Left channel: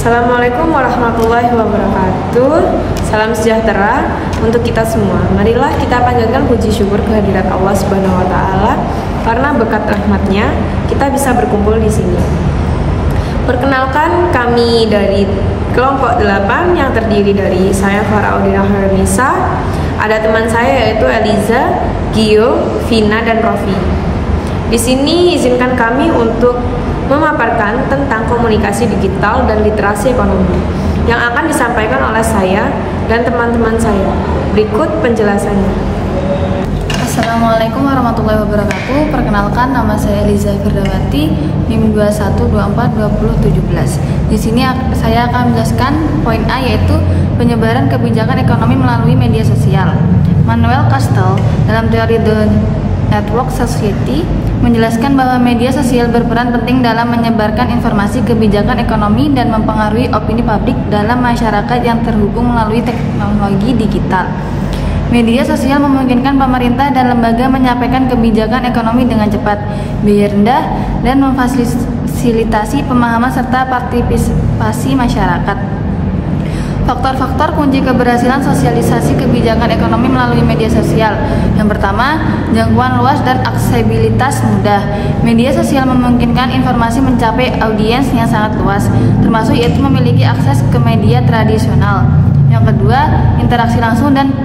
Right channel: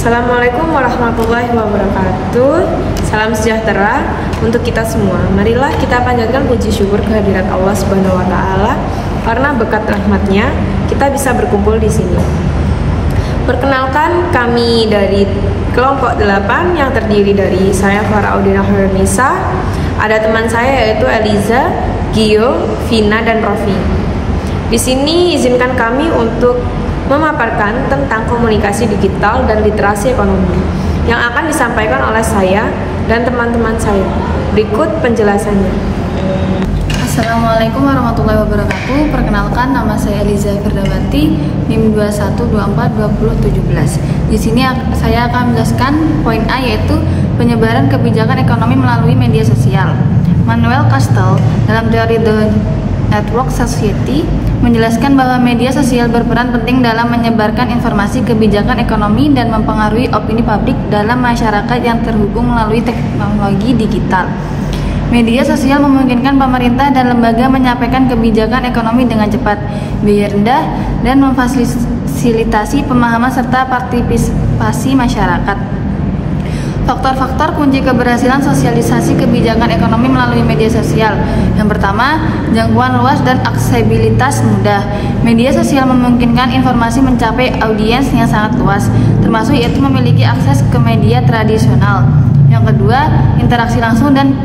Assalamualaikum warahmatullahi wabarakatuh. Salam sejahtera untuk kita semua. Marilah kita panjatkan puji syukur kehadirat Allah Subhanahu wa taala karena berkat rahmatnya kita bisa berkumpul di sini. Perkenalkan, kami dari kelompok 8 yang terdiri dari saya Farah Audina Hairunisa, ada teman saya yaitu Eliza, Gio, Vina dan Rofi. Di sini izinkan kami untuk memaparkan tentang komunikasi digital dan literasi ekonomi yang akan disampaikan oleh saya dan teman-teman saya. Berikut penjelasannya. Assalamualaikum warahmatullahi wabarakatuh. Perkenalkan, nama saya Eliza Firdawati, NIM 21242017. Di sini saya akan menjelaskan poin A, yaitu penyebaran kebijakan ekonomi melalui media sosial. Manuel Castells dalam teori The Network Society menjelaskan bahwa media sosial berperan penting dalam menyebarkan informasi kebijakan ekonomi dan mempengaruhi opini publik dalam masyarakat yang terhubung melalui teknologi digital. Media sosial memungkinkan pemerintah dan lembaga menyampaikan kebijakan ekonomi dengan cepat, biaya rendah, dan memfasilitasi pemahaman serta partisipasi masyarakat. Faktor-faktor kunci keberhasilan sosialisasi kebijakan ekonomi melalui media sosial. Yang pertama, jangkauan luas dan aksesibilitas mudah. Media sosial memungkinkan informasi mencapai audiens yang sangat luas, termasuk yaitu memiliki akses ke media tradisional. Yang kedua, interaksi langsung dan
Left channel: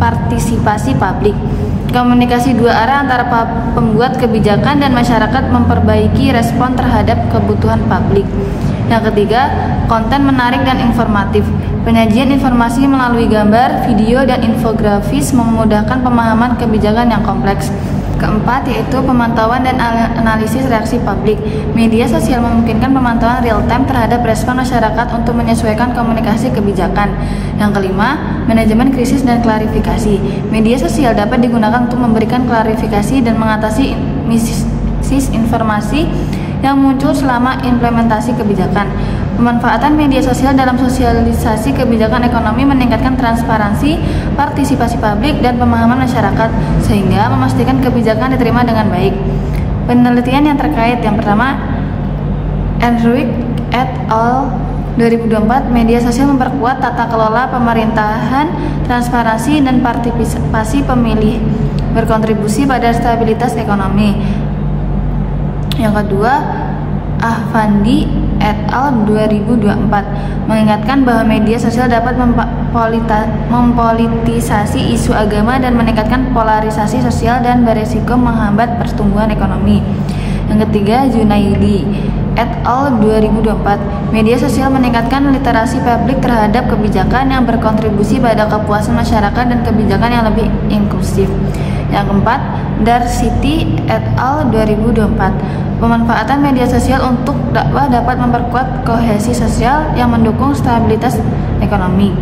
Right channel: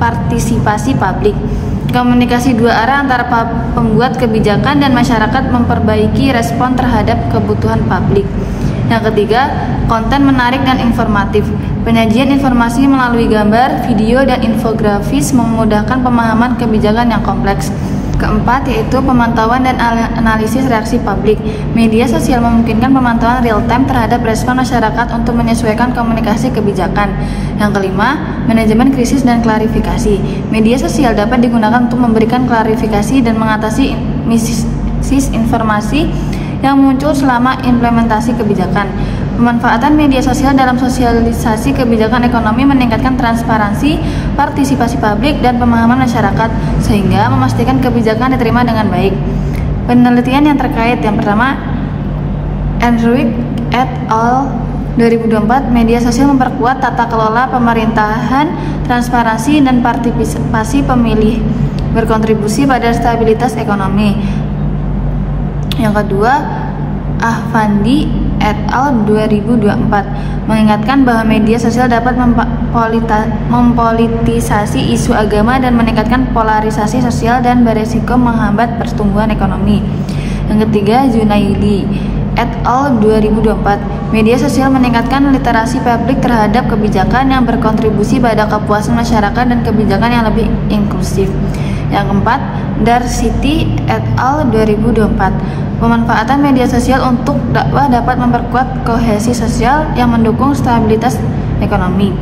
partisipasi publik. Komunikasi dua arah antara pembuat kebijakan dan masyarakat memperbaiki respon terhadap kebutuhan publik. Yang ketiga, konten menarik dan informatif. Penyajian informasi melalui gambar, video, dan infografis memudahkan pemahaman kebijakan yang kompleks. Keempat, yaitu pemantauan dan analisis reaksi publik. Media sosial memungkinkan pemantauan real-time terhadap respon masyarakat untuk menyesuaikan komunikasi kebijakan. Yang kelima, manajemen krisis dan klarifikasi. Media sosial dapat digunakan untuk memberikan klarifikasi dan mengatasi misinformasi yang muncul selama implementasi kebijakan. Pemanfaatan media sosial dalam sosialisasi kebijakan ekonomi meningkatkan transparansi, partisipasi publik, dan pemahaman masyarakat, sehingga memastikan kebijakan diterima dengan baik. Penelitian yang terkait, yang pertama, Enrique et al. 2024, media sosial memperkuat tata kelola pemerintahan, transparansi, dan partisipasi pemilih, berkontribusi pada stabilitas ekonomi. Yang kedua, Ahfandi et al. 2024 mengingatkan bahwa media sosial dapat mempolitisasi isu agama dan meningkatkan polarisasi sosial dan beresiko menghambat pertumbuhan ekonomi. Yang ketiga, Junaidi et al. 2024, media sosial meningkatkan literasi publik terhadap kebijakan yang berkontribusi pada kepuasan masyarakat dan kebijakan yang lebih inklusif. Yang keempat, Darsiti et al. 2024, pemanfaatan media sosial untuk dakwah dapat memperkuat kohesi sosial yang mendukung stabilitas ekonomi.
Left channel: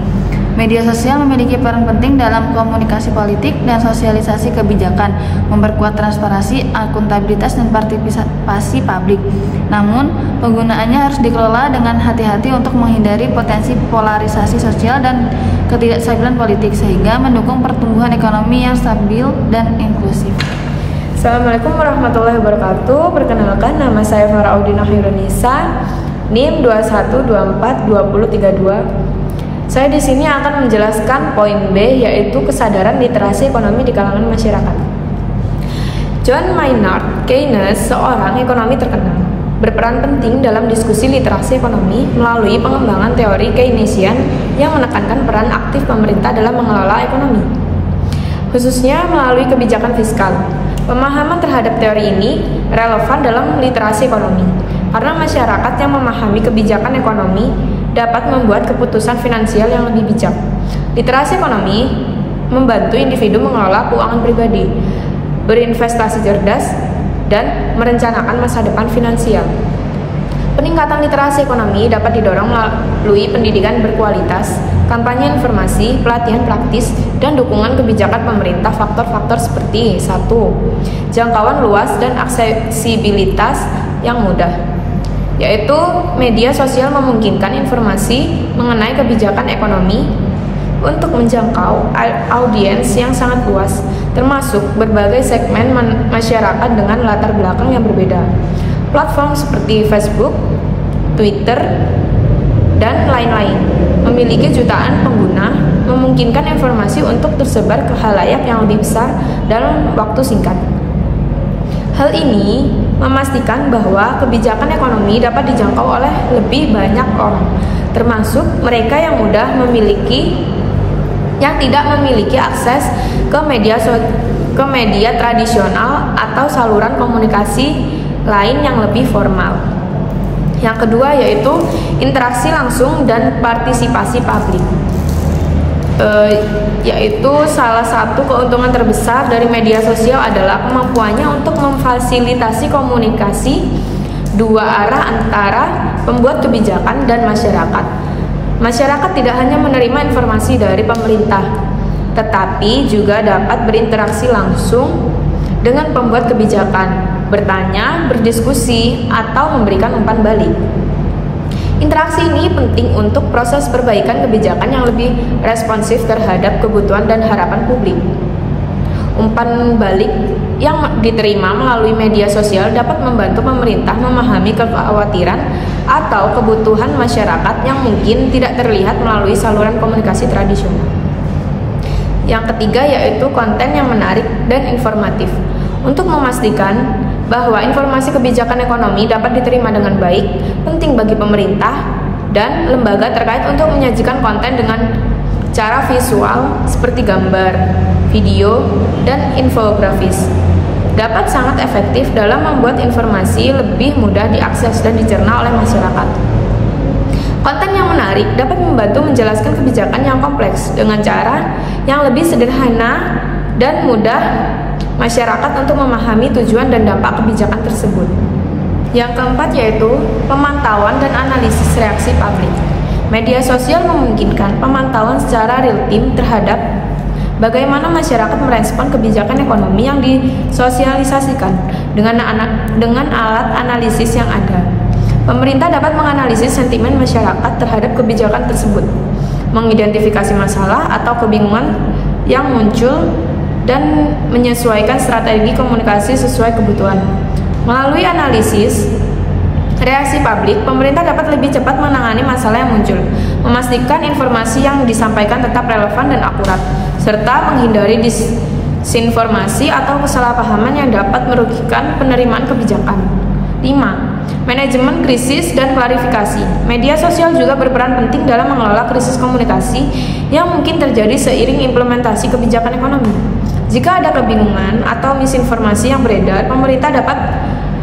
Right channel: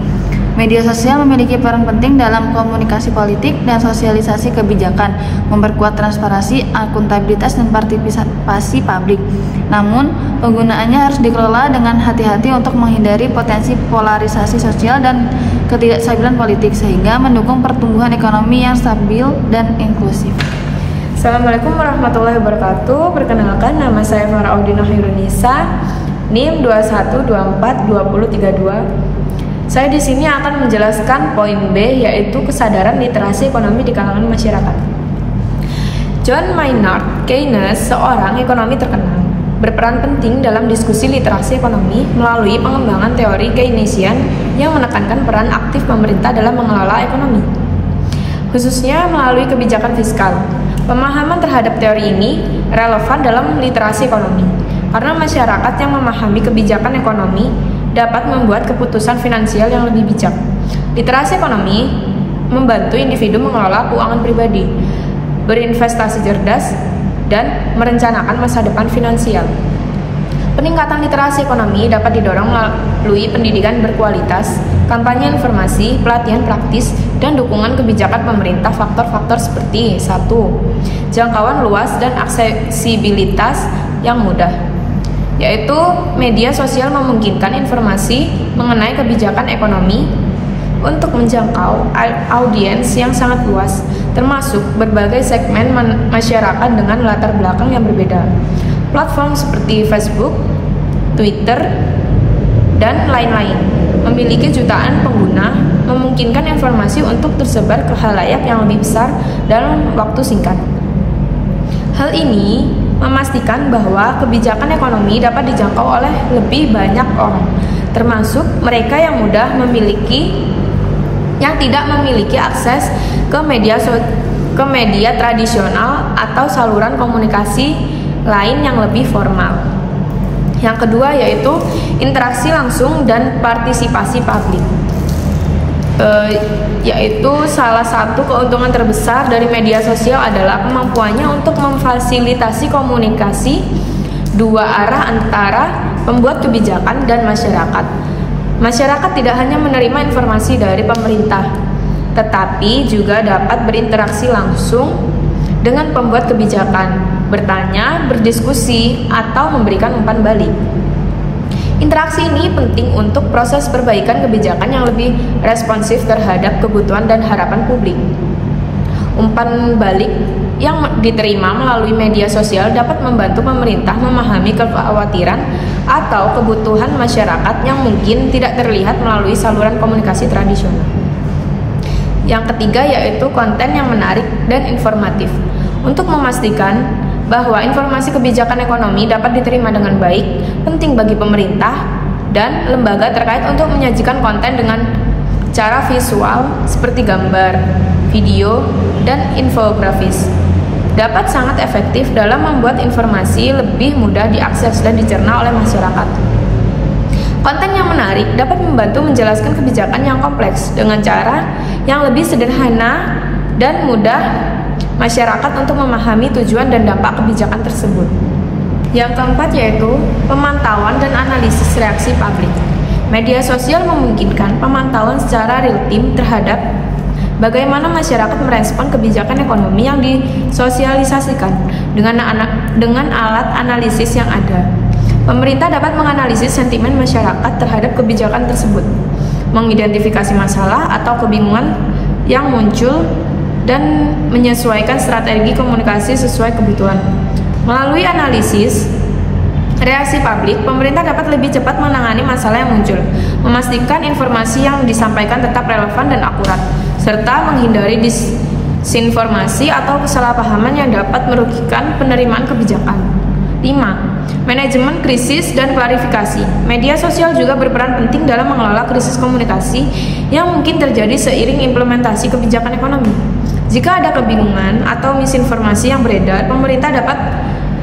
Media sosial memiliki peran penting dalam komunikasi politik dan sosialisasi kebijakan, memperkuat transparansi, akuntabilitas, dan partisipasi publik. Namun, penggunaannya harus dikelola dengan hati-hati untuk menghindari potensi polarisasi sosial dan ketidakstabilan politik, sehingga mendukung pertumbuhan ekonomi yang stabil dan inklusif. Assalamualaikum warahmatullahi wabarakatuh. Perkenalkan, nama saya Farah Audina Hairunisa, NIM 21242032. Saya di sini akan menjelaskan poin B, yaitu kesadaran literasi ekonomi di kalangan masyarakat. John Maynard Keynes, seorang ekonomi terkenal, berperan penting dalam diskusi literasi ekonomi melalui pengembangan teori Keynesian yang menekankan peran aktif pemerintah dalam mengelola ekonomi, khususnya melalui kebijakan fiskal. Pemahaman terhadap teori ini relevan dalam literasi ekonomi. karena masyarakat yang memahami kebijakan ekonomi dapat membuat keputusan finansial yang lebih bijak. Literasi ekonomi membantu individu mengelola keuangan pribadi, berinvestasi cerdas, dan merencanakan masa depan finansial. Peningkatan literasi ekonomi dapat didorong melalui pendidikan berkualitas, kampanye informasi, pelatihan praktis, dan dukungan kebijakan pemerintah. Faktor-faktor seperti 1. Jangkauan luas dan aksesibilitas yang mudah, yaitu media sosial memungkinkan informasi mengenai kebijakan ekonomi untuk menjangkau audiens yang sangat luas, termasuk berbagai segmen masyarakat dengan latar belakang yang berbeda. Platform seperti Facebook, Twitter, dan lain-lain memiliki jutaan pengguna, memungkinkan informasi untuk tersebar ke khalayak yang lebih besar dalam waktu singkat. Hal ini memastikan bahwa kebijakan ekonomi dapat dijangkau oleh lebih banyak orang, termasuk mereka yang tidak memiliki akses ke media tradisional atau saluran komunikasi lain yang lebih formal. Yang kedua yaitu interaksi langsung dan partisipasi publik. Yaitu salah satu keuntungan terbesar dari media sosial adalah kemampuannya untuk memfasilitasi komunikasi dua arah antara pembuat kebijakan dan masyarakat. Masyarakat tidak hanya menerima informasi dari pemerintah, tetapi juga dapat berinteraksi langsung dengan pembuat kebijakan, bertanya, berdiskusi, atau memberikan umpan balik. Interaksi ini penting untuk proses perbaikan kebijakan yang lebih responsif terhadap kebutuhan dan harapan publik. Umpan balik yang diterima melalui media sosial dapat membantu pemerintah memahami kekhawatiran atau kebutuhan masyarakat yang mungkin tidak terlihat melalui saluran komunikasi tradisional. Yang ketiga yaitu konten yang menarik dan informatif. Untuk memastikan bahwa informasi kebijakan ekonomi dapat diterima dengan baik, penting bagi pemerintah dan lembaga terkait untuk menyajikan konten dengan cara visual seperti gambar, video, dan infografis. Dapat sangat efektif dalam membuat informasi lebih mudah diakses dan dicerna oleh masyarakat. Konten yang menarik dapat membantu menjelaskan kebijakan yang kompleks dengan cara yang lebih sederhana dan mudah masyarakat untuk memahami tujuan dan dampak kebijakan tersebut. Yang keempat yaitu pemantauan dan analisis reaksi publik. Media sosial memungkinkan pemantauan secara real-time terhadap bagaimana masyarakat merespon kebijakan ekonomi yang disosialisasikan dengan alat analisis yang ada. Pemerintah dapat menganalisis sentimen masyarakat terhadap kebijakan tersebut, mengidentifikasi masalah atau kebingungan yang muncul, dan menyesuaikan strategi komunikasi sesuai kebutuhan. Melalui analisis reaksi publik, pemerintah dapat lebih cepat menangani masalah yang muncul, memastikan informasi yang disampaikan tetap relevan dan akurat, serta menghindari disinformasi atau kesalahpahaman yang dapat merugikan penerimaan kebijakan. 5. Manajemen krisis dan klarifikasi. Media sosial juga berperan penting dalam mengelola krisis komunikasi yang mungkin terjadi seiring implementasi kebijakan ekonomi. Jika ada kebingungan atau misinformasi yang beredar, pemerintah dapat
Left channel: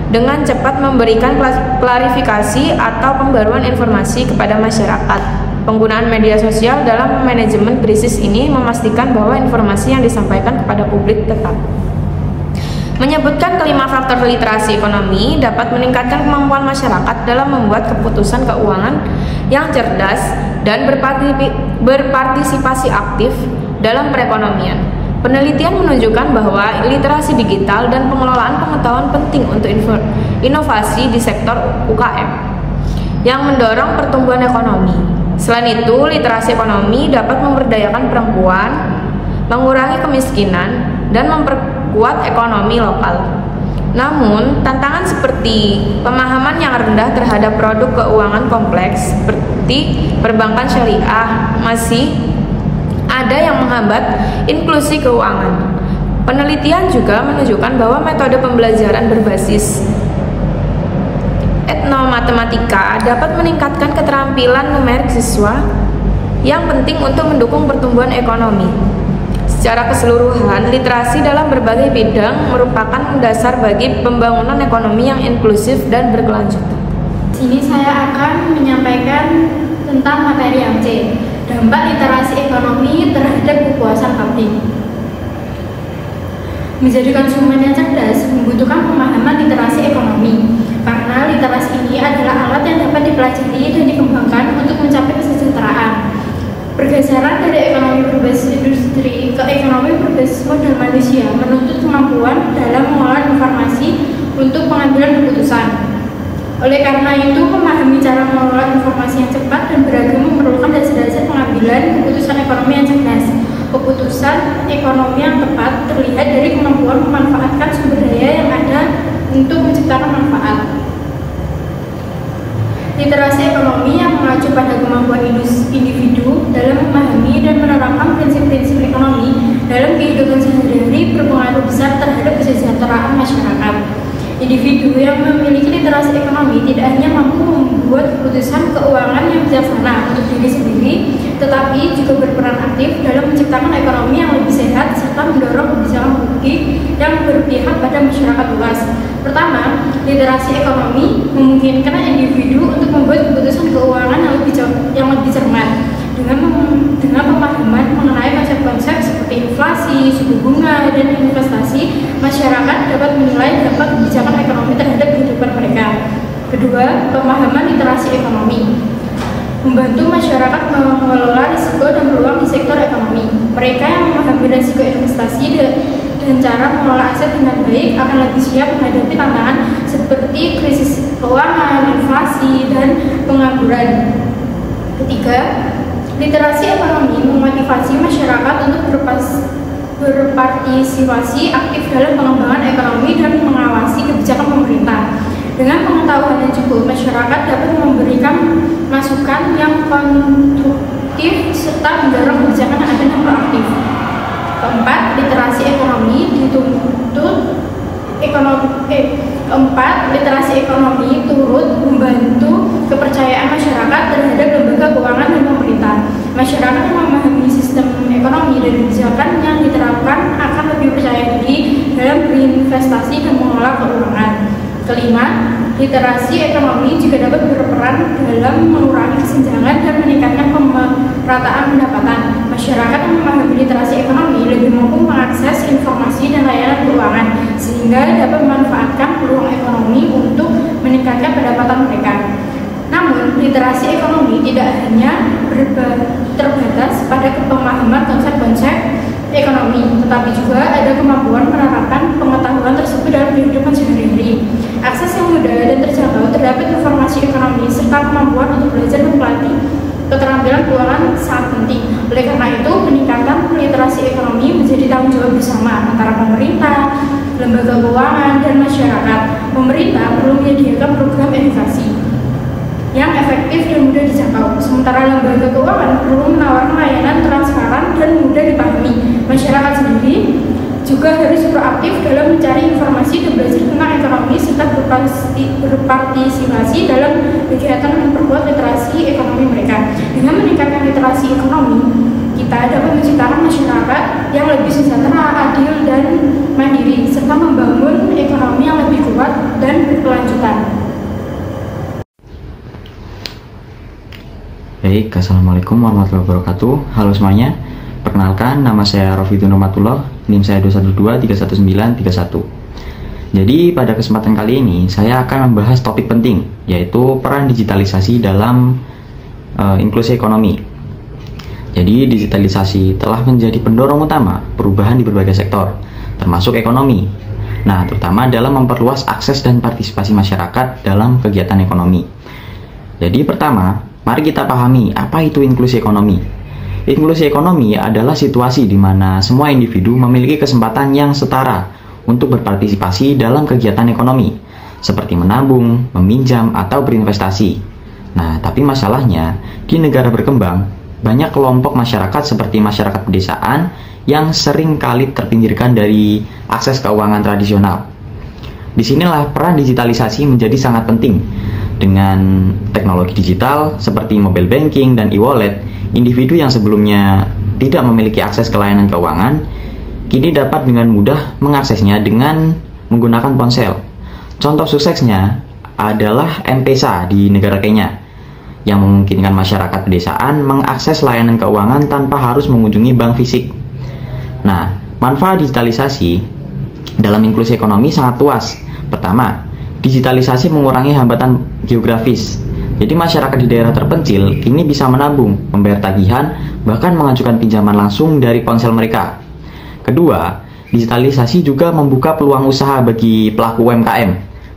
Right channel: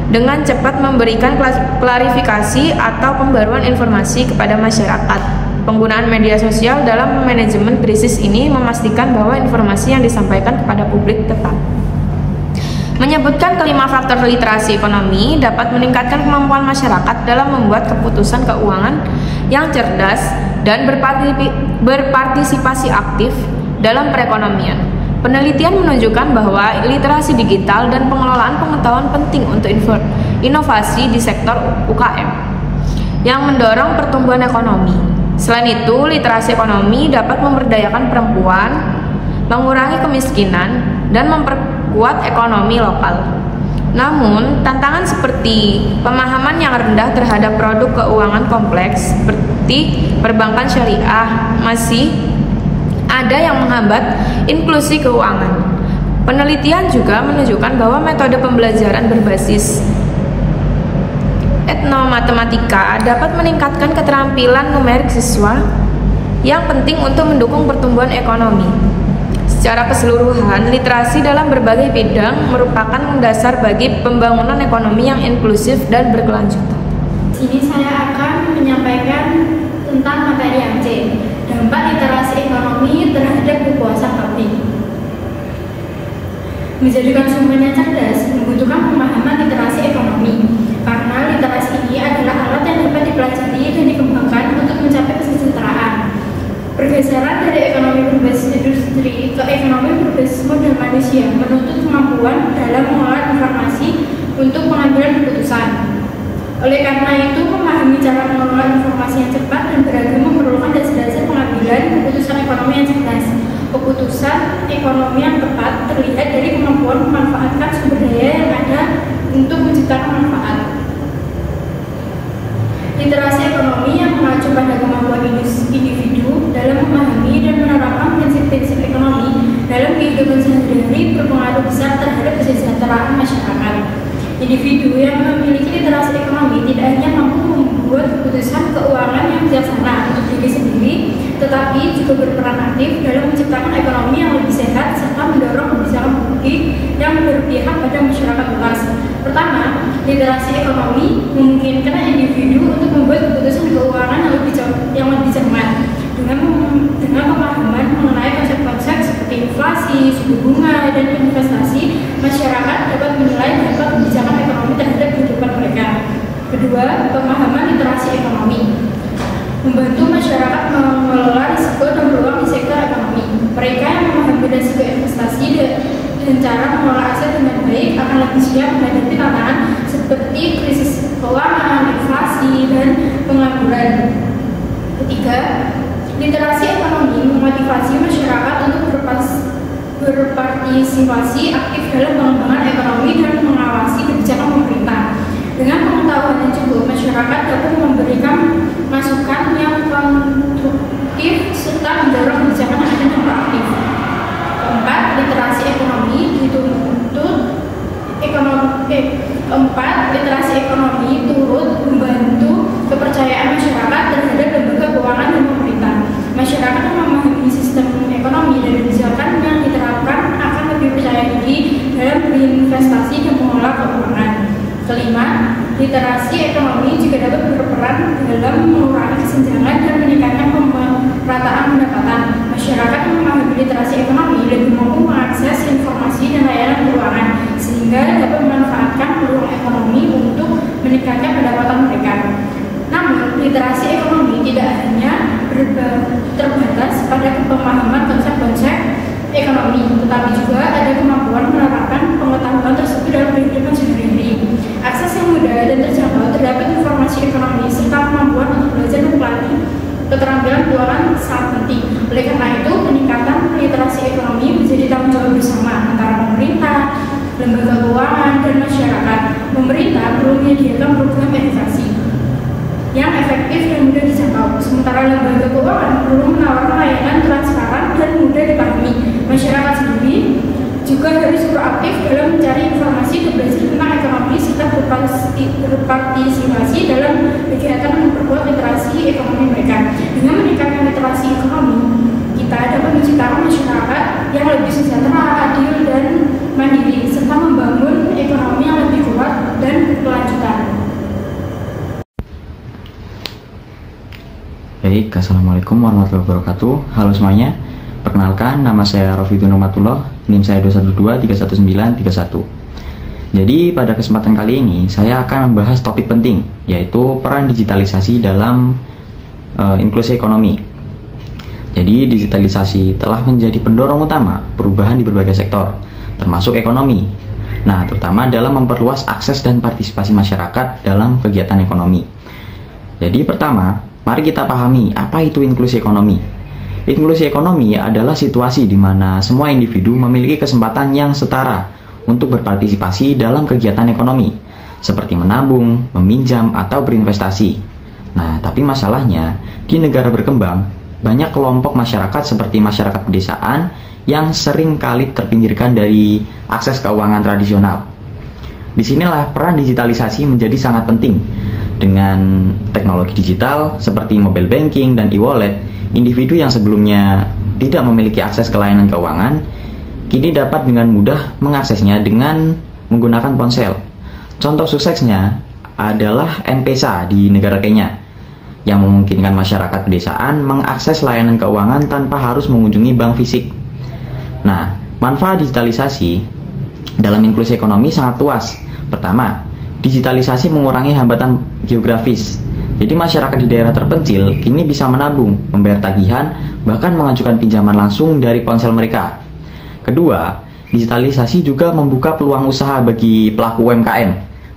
dengan cepat memberikan klarifikasi atau pembaruan informasi kepada masyarakat. Penggunaan media sosial dalam manajemen krisis ini memastikan bahwa informasi yang disampaikan kepada publik tepat. Menyebutkan kelima faktor literasi ekonomi dapat meningkatkan kemampuan masyarakat dalam membuat keputusan keuangan yang cerdas dan berpartisipasi aktif dalam perekonomian. Penelitian menunjukkan bahwa literasi digital dan pengelolaan pengetahuan penting untuk inovasi di sektor UKM yang mendorong pertumbuhan ekonomi. Selain itu, literasi ekonomi dapat memberdayakan perempuan, mengurangi kemiskinan, dan memperkuat ekonomi lokal. Namun, tantangan seperti pemahaman yang rendah terhadap produk keuangan kompleks seperti perbankan syariah masih ada yang menghambat inklusi keuangan. Penelitian juga menunjukkan bahwa metode pembelajaran berbasis etnomatematika dapat meningkatkan keterampilan numerik siswa yang penting untuk mendukung pertumbuhan ekonomi. Secara keseluruhan, literasi dalam berbagai bidang merupakan dasar bagi pembangunan ekonomi yang inklusif dan berkelanjutan. sini saya akan menyampaikan tentang materi yang C, dampak literasi ekonomi terhadap kepuasan publik. Menjadi konsumen yang cerdas membutuhkan pemahaman literasi ekonomi, karena literasi ini adalah alat yang dapat dipelajari dan dikembangkan untuk mencapai kesejahteraan. Pergeseran dari ekonomi berbasis industri ke ekonomi berbasis modal manusia menuntut kemampuan dalam mengolah informasi untuk pengambilan keputusan. Oleh karena itu, memahami cara mengelola informasi yang cepat dan beragam memerlukan dasar-dasar pengambilan keputusan ekonomi yang cerdas. Keputusan ekonomi yang tepat terlihat dari kemampuan memanfaatkan sumber daya yang ada untuk menciptakan manfaat. Literasi ekonomi yang mengacu pada kemampuan individu dalam memahami dan menerapkan prinsip-prinsip ekonomi dalam kehidupan sehari-hari berpengaruh besar terhadap kesejahteraan masyarakat. Individu yang memiliki literasi ekonomi tidak hanya mampu membuat keputusan keuangan yang bijaksana untuk diri sendiri, tetapi juga berperan aktif dalam menciptakan ekonomi yang lebih sehat serta mendorong kebijakan publik yang berpihak pada masyarakat luas. Pertama, literasi ekonomi memungkinkan individu untuk membuat keputusan keuangan yang lebih cermat. Dengan pemahaman mengenai konsep-konsep seperti inflasi, suku bunga, dan investasi, masyarakat dapat menilai dampak kebijakan ekonomi terhadap kehidupan mereka. Kedua, pemahaman literasi ekonomi membantu masyarakat mengelola risiko dan peluang di sektor ekonomi. Mereka yang memahami risiko investasi dan cara mengelola aset dengan baik akan lebih siap menghadapi tantangan seperti krisis keuangan, inflasi, dan pengangguran. Ketiga, literasi ekonomi memotivasi masyarakat untuk berpartisipasi aktif dalam pengembangan ekonomi dan mengawasi kebijakan pemerintah. Dengan pengetahuan yang cukup, masyarakat dapat memberikan masukan yang konstruktif serta mendorong kebijakan yang proaktif. Keempat, literasi ekonomi literasi ekonomi turut membantu kepercayaan masyarakat terhadap lembaga keuangan dan pemerintah. Masyarakat yang memahami sistem ekonomi dan kebijakan yang diterapkan akan lebih percaya diri dalam berinvestasi dan mengelola keuangan. Kelima, literasi ekonomi juga dapat berperan dalam mengurangi kesenjangan dan meningkatkan pemerataan pendapatan. Masyarakat yang memahami literasi ekonomi lebih mampu mengakses informasi dan layanan keuangan, sehingga dapat memanfaatkan peluang ekonomi untuk meningkatkan pendapatan mereka. Namun, literasi ekonomi tidak hanya terbatas pada pemahaman konsep-konsep ekonomi, tetapi juga ada kemampuan menerapkan pengetahuan tersebut dalam kehidupan sehari-hari. Akses yang mudah dan terjangkau terdapat informasi ekonomi serta kemampuan untuk belajar dan melatih keterampilan keuangan sangat penting. Oleh karena itu, peningkatan literasi ekonomi menjadi tanggung jawab bersama antara pemerintah, lembaga keuangan, dan masyarakat. Pemerintah perlu menyediakan program edukasi yang efektif dan mudah dijangkau. Sementara lembaga keuangan perlu menawarkan layanan transparan dan mudah dipahami. Masyarakat sendiri juga harus proaktif dalam mencari informasi dan belajar tentang ekonomi serta berpartisipasi dalam kegiatan yang memperkuat literasi ekonomi mereka. Dengan meningkatkan literasi ekonomi, kita dapat menciptakan masyarakat yang lebih sejahtera, adil, dan mandiri, serta membangun ekonomi yang lebih kuat dan berkelanjutan. Baik, Assalamualaikum warahmatullahi wabarakatuh. Halo semuanya, perkenalkan nama saya Rofidun Romatullah, NIM saya 2123191. Jadi pada kesempatan kali ini saya akan membahas topik penting, yaitu peran digitalisasi dalam inklusi ekonomi. Jadi digitalisasi telah menjadi pendorong utama perubahan di berbagai sektor, termasuk ekonomi. Nah, terutama dalam memperluas akses dan partisipasi masyarakat dalam kegiatan ekonomi. Jadi pertama, mari kita pahami apa itu inklusi ekonomi. Inklusi ekonomi adalah situasi di mana semua individu memiliki kesempatan yang setara untuk berpartisipasi dalam kegiatan ekonomi, seperti menabung, meminjam, atau berinvestasi. Nah, tapi masalahnya, di negara berkembang, banyak kelompok masyarakat seperti masyarakat pedesaan yang sering kali terpinggirkan dari akses keuangan tradisional. Disinilah peran digitalisasi menjadi sangat penting. Dengan teknologi digital seperti mobile banking dan e-wallet, individu yang sebelumnya tidak memiliki akses ke layanan keuangan, kini dapat dengan mudah mengaksesnya dengan menggunakan ponsel. Contoh suksesnya adalah M-Pesa di negara Kenya, yang memungkinkan masyarakat pedesaan mengakses layanan keuangan tanpa harus mengunjungi bank fisik. Nah, manfaat digitalisasi dalam inklusi ekonomi sangat luas. Pertama, digitalisasi mengurangi hambatan geografis. Jadi masyarakat di daerah terpencil kini bisa menabung, membayar tagihan, bahkan mengajukan pinjaman langsung dari ponsel mereka. Kedua, digitalisasi juga membuka peluang usaha bagi pelaku UMKM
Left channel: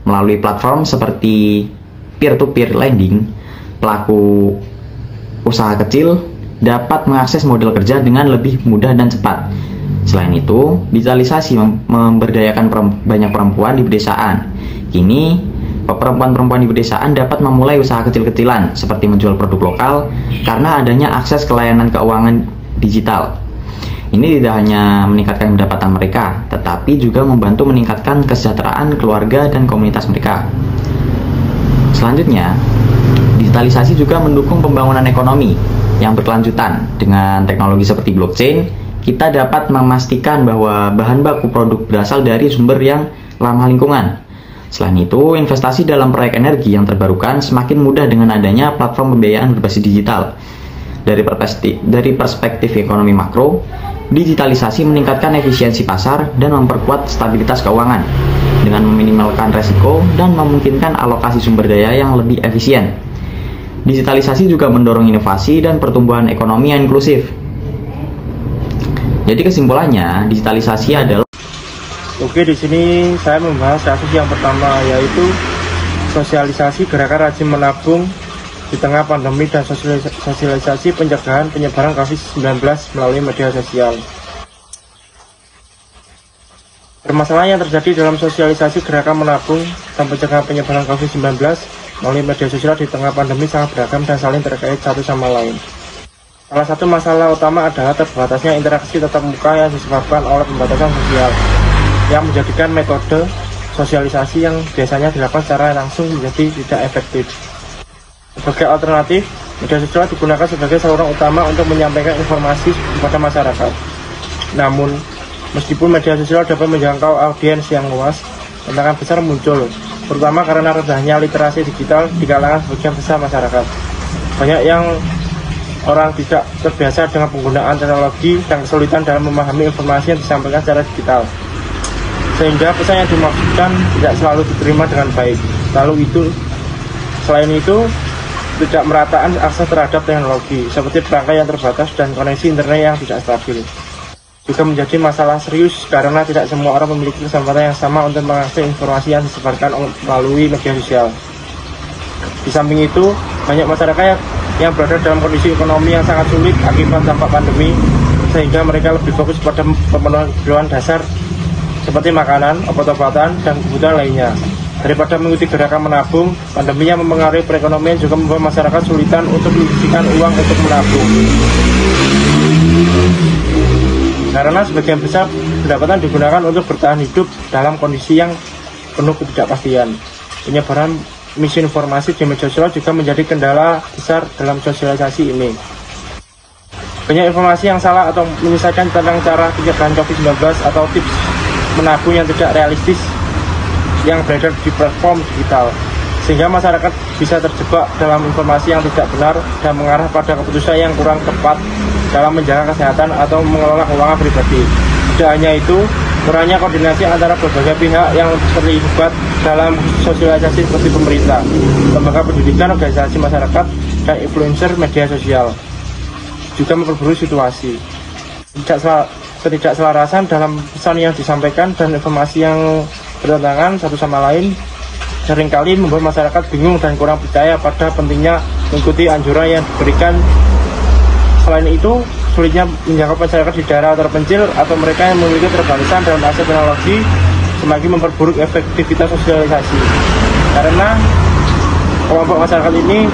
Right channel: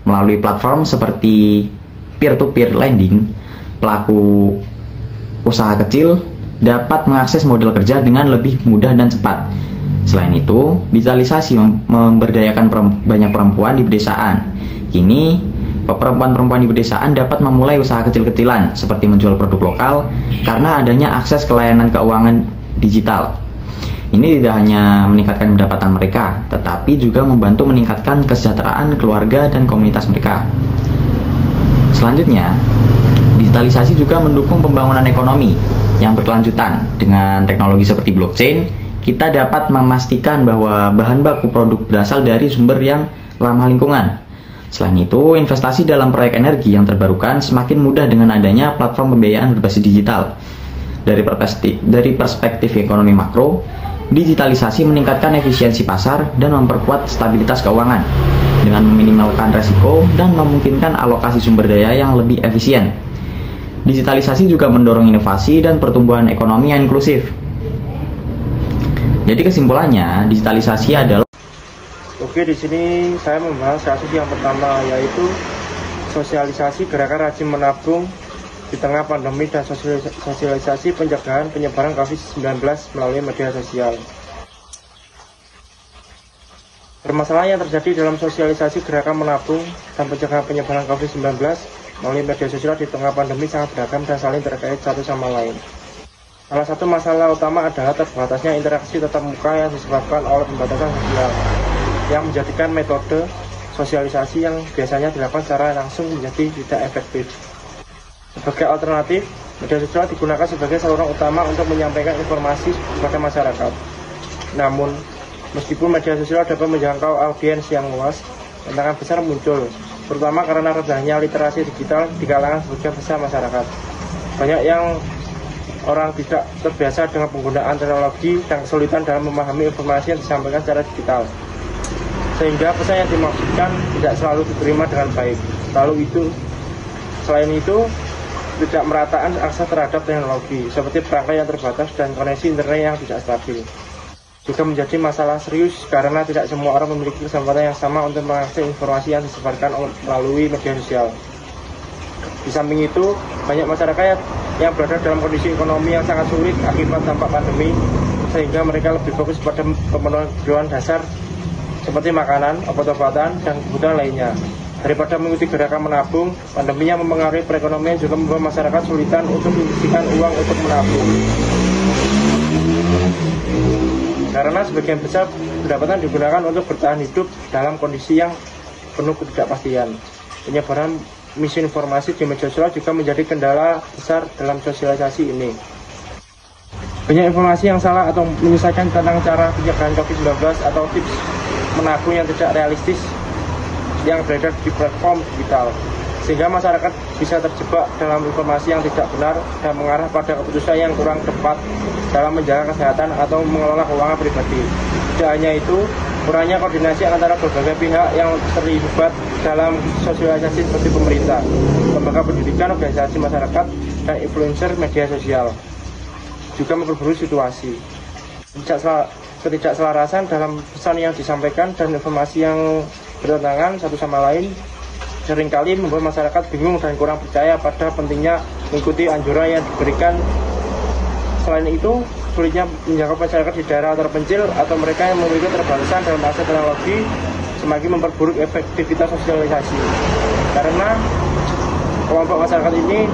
melalui platform seperti peer-to-peer lending. Pelaku usaha kecil dapat mengakses modal kerja dengan lebih mudah dan cepat. Selain itu, digitalisasi memberdayakan banyak perempuan di pedesaan. Kini, perempuan-perempuan di pedesaan dapat memulai usaha kecil-kecilan seperti menjual produk lokal karena adanya akses ke layanan keuangan digital. Ini tidak hanya meningkatkan pendapatan mereka, tetapi juga membantu meningkatkan kesejahteraan keluarga dan komunitas mereka. Selanjutnya, digitalisasi juga mendukung pembangunan ekonomi yang berkelanjutan. Dengan teknologi seperti blockchain, kita dapat memastikan bahwa bahan baku produk berasal dari sumber yang ramah lingkungan. Selain itu, investasi dalam proyek energi yang terbarukan semakin mudah dengan adanya platform pembiayaan berbasis digital. Dari perspektif ekonomi makro, digitalisasi meningkatkan efisiensi pasar dan memperkuat stabilitas keuangan dengan meminimalkan resiko dan memungkinkan alokasi sumber daya yang lebih efisien. Digitalisasi juga mendorong inovasi dan pertumbuhan ekonomi yang inklusif. Jadi kesimpulannya, digitalisasi adalah... Oke, di sini saya membahas kasus yang pertama, yaitu sosialisasi gerakan rajin menabung di tengah pandemi dan sosialisasi pencegahan penyebaran COVID-19 melalui media sosial. Permasalahan yang terjadi dalam sosialisasi gerakan menabung dan pencegahan penyebaran COVID-19 melalui media sosial di tengah pandemi sangat beragam dan saling terkait satu sama lain. Salah satu masalah utama adalah terbatasnya interaksi tatap muka yang disebabkan oleh pembatasan sosial, yang menjadikan metode sosialisasi yang biasanya dilakukan secara langsung menjadi tidak efektif. Sebagai alternatif, media sosial digunakan sebagai saluran utama untuk menyampaikan informasi kepada masyarakat. Namun, meskipun media sosial dapat menjangkau audiens yang luas, tantangan besar muncul, terutama karena rendahnya literasi digital di kalangan sebagian besar masyarakat. Banyak yang orang tidak terbiasa dengan penggunaan teknologi dan kesulitan dalam memahami informasi yang disampaikan secara digital, sehingga pesan yang dimaksudkan tidak selalu diterima dengan baik. Selain itu, tidak merataan akses terhadap teknologi, seperti perangkat yang terbatas dan koneksi internet yang tidak stabil, juga menjadi masalah serius karena tidak semua orang memiliki kesempatan yang sama untuk mengakses informasi yang disebarkan melalui media sosial. Di samping itu, banyak masyarakat yang berada dalam kondisi ekonomi yang sangat sulit akibat dampak pandemi, sehingga mereka lebih fokus pada pemenuhan kebutuhan dasar seperti makanan, obat-obatan, dan kebutuhan lainnya. Daripada mengikuti gerakan menabung, pandemi yang mempengaruhi perekonomian juga membuat masyarakat sulitan untuk menyisihkan uang untuk menabung. Karena sebagian besar pendapatan digunakan untuk bertahan hidup dalam kondisi yang penuh ketidakpastian. Penyebaran misinformasi di media sosial juga menjadi kendala besar dalam sosialisasi ini. Banyak informasi yang salah atau menyesatkan tentang cara pencegahan COVID-19 atau tips menabung yang tidak realistis yang beredar di platform digital, sehingga masyarakat bisa terjebak dalam informasi yang tidak benar dan mengarah pada keputusan yang kurang tepat dalam menjaga kesehatan atau mengelola keuangan pribadi. Tidak hanya itu, kurangnya koordinasi antara berbagai pihak yang terlibat dalam sosialisasi seperti pemerintah, lembaga pendidikan, organisasi masyarakat, dan influencer media sosial juga memperburuk situasi. Ketidakselarasan dalam pesan yang disampaikan dan informasi yang bertentangan satu sama lain seringkali membuat masyarakat bingung dan kurang percaya pada pentingnya mengikuti anjuran yang diberikan. Selain itu, sulitnya menjangkau masyarakat di daerah terpencil atau mereka yang memiliki keterbatasan dalam akses teknologi semakin memperburuk efektivitas sosialisasi. Karena kelompok masyarakat ini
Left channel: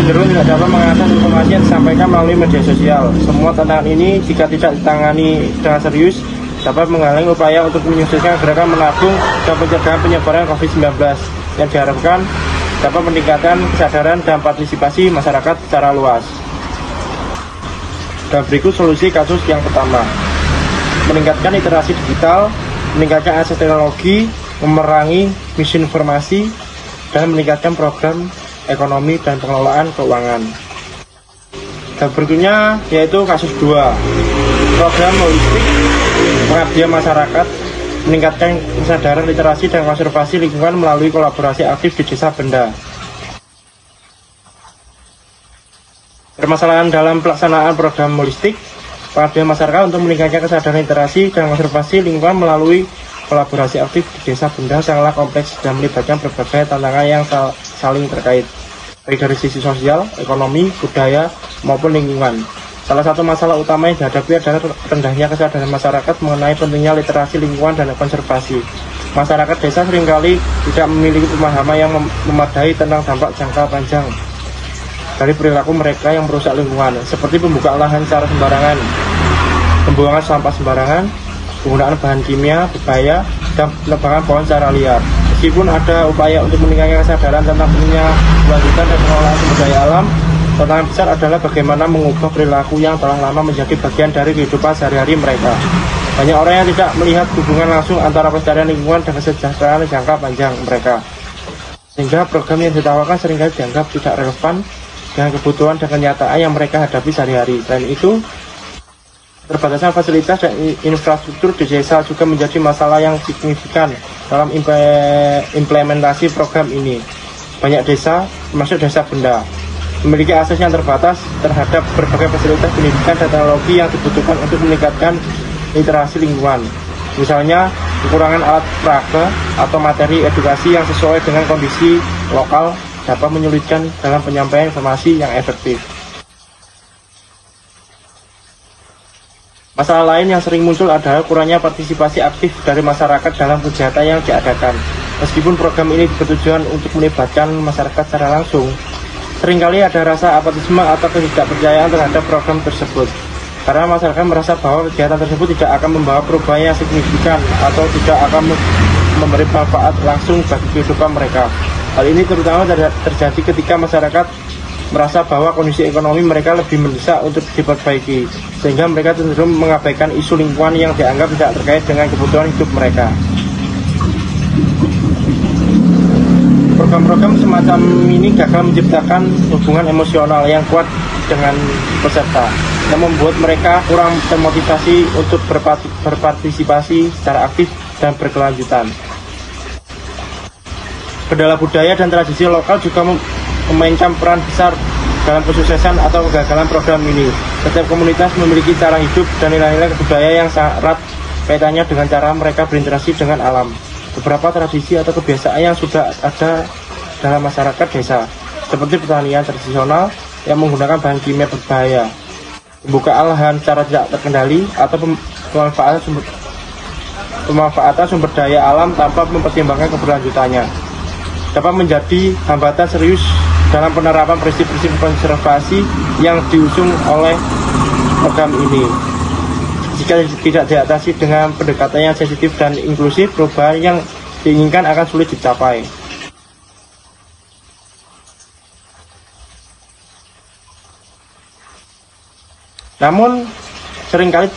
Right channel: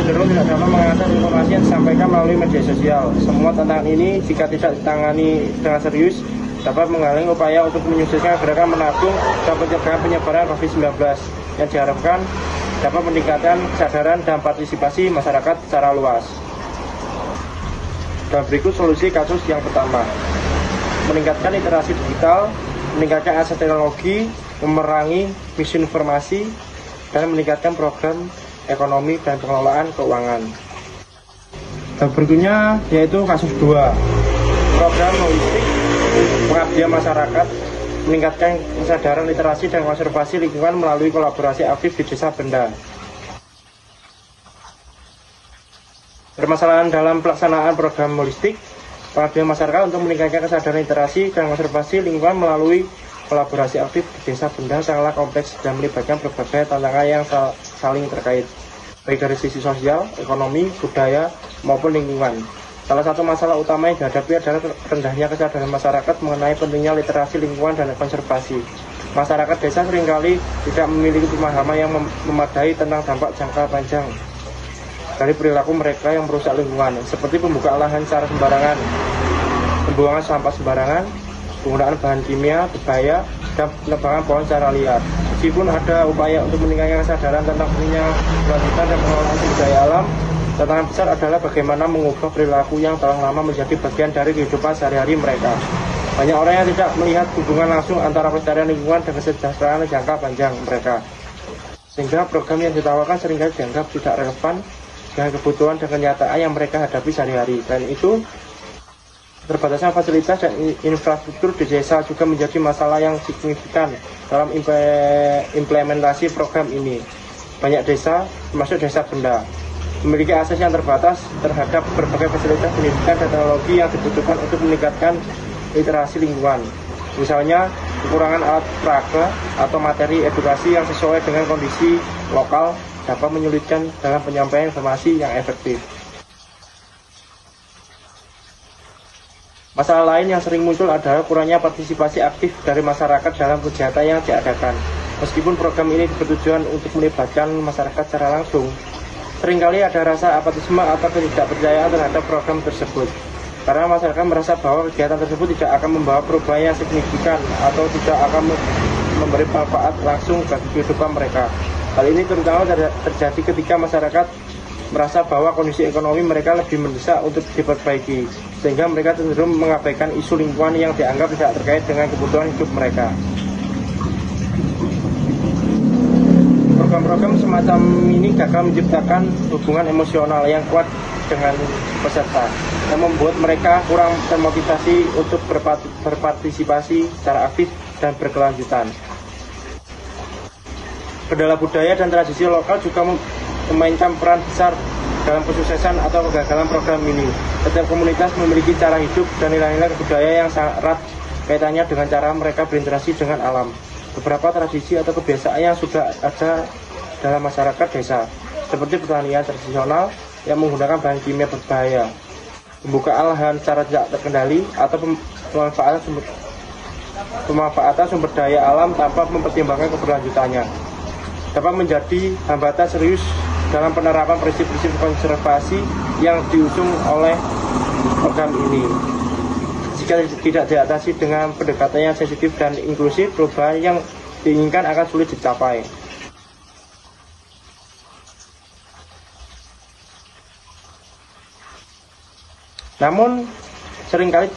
cenderung tidak dapat mengakses informasi yang disampaikan melalui media sosial. Semua tantangan ini jika tidak ditangani dengan serius dapat menghalangi upaya untuk menyukseskan gerakan menabung dan pencegahan penyebaran COVID-19 yang diharapkan dapat meningkatkan kesadaran dan partisipasi masyarakat secara luas. Dan berikut solusi kasus yang pertama: meningkatkan literasi digital, meningkatkan akses teknologi, memerangi misinformasi, dan meningkatkan program ekonomi dan pengelolaan keuangan. Dan berikutnya yaitu kasus 2, program holistik pengabdian masyarakat meningkatkan kesadaran literasi dan konservasi lingkungan melalui kolaborasi aktif di Desa Benda. Permasalahan dalam pelaksanaan program holistik pengabdian masyarakat untuk meningkatkan kesadaran literasi dan konservasi lingkungan melalui kolaborasi aktif di Desa Benda sangatlah kompleks dan melibatkan berbagai tantangan yang saling terkait, baik dari sisi sosial, ekonomi, budaya, maupun lingkungan. Salah satu masalah utama yang dihadapi adalah rendahnya kesadaran masyarakat mengenai pentingnya literasi lingkungan dan konservasi. Masyarakat desa seringkali tidak memiliki pemahaman yang memadai tentang dampak jangka panjang dari perilaku mereka yang merusak lingkungan, seperti pembukaan lahan secara sembarangan, pembuangan sampah sembarangan, penggunaan bahan kimia berbahaya, dan penebangan pohon secara liar. Meskipun ada upaya untuk meningkatkan kesadaran tentang pentingnya kelanjutan dan pengelolaan sumber daya alam, tantangan besar adalah bagaimana mengubah perilaku yang telah lama menjadi bagian dari kehidupan sehari-hari mereka. Banyak orang yang tidak melihat hubungan langsung antara pelestarian lingkungan dan kesejahteraan jangka panjang mereka, sehingga program yang ditawarkan seringkali dianggap tidak relevan dengan kebutuhan dan kenyataan yang mereka hadapi sehari-hari. Selain itu, keterbatasan fasilitas dan infrastruktur di desa juga menjadi masalah yang signifikan dalam implementasi program ini. Banyak desa, termasuk Desa Benda, memiliki akses yang terbatas terhadap berbagai fasilitas pendidikan dan teknologi yang dibutuhkan untuk meningkatkan literasi lingkungan. Misalnya, kekurangan alat peraga atau materi edukasi yang sesuai dengan kondisi lokal dapat menyulitkan dalam penyampaian informasi yang efektif. Masalah lain yang sering muncul adalah kurangnya partisipasi aktif dari masyarakat dalam kegiatan yang diadakan. Meskipun program ini bertujuan untuk melibatkan masyarakat secara langsung, seringkali ada rasa apatisme atau ketidakpercayaan terhadap program tersebut. Karena masyarakat merasa bahwa kegiatan tersebut tidak akan membawa perubahan yang signifikan atau tidak akan memberi manfaat langsung bagi kehidupan mereka. Hal ini terutama terjadi ketika masyarakat merasa bahwa kondisi ekonomi mereka lebih mendesak untuk diperbaiki, sehingga mereka cenderung mengabaikan isu lingkungan yang dianggap tidak terkait dengan kebutuhan hidup mereka. Program-program semacam ini gagal menciptakan hubungan emosional yang kuat dengan peserta, yang membuat mereka kurang termotivasi untuk berpartisipasi secara aktif dan berkelanjutan. Kendala budaya dan tradisi lokal juga memainkan peran besar dalam kesuksesan atau kegagalan program ini. Setiap komunitas memiliki cara hidup dan nilai-nilai budaya yang erat kaitannya dengan cara mereka berinteraksi dengan alam. Beberapa tradisi atau kebiasaan yang sudah ada dalam masyarakat desa, seperti pertanian tradisional yang menggunakan bahan kimia berbahaya, pembukaan lahan secara tidak terkendali, atau pemanfaatan sumber daya alam tanpa mempertimbangkan keberlanjutannya, dapat menjadi hambatan serius dalam penerapan prinsip-prinsip konservasi yang diusung oleh program ini. Jika tidak diatasi dengan pendekatan yang sensitif dan inklusif, perubahan yang diinginkan akan sulit dicapai. Namun, seringkali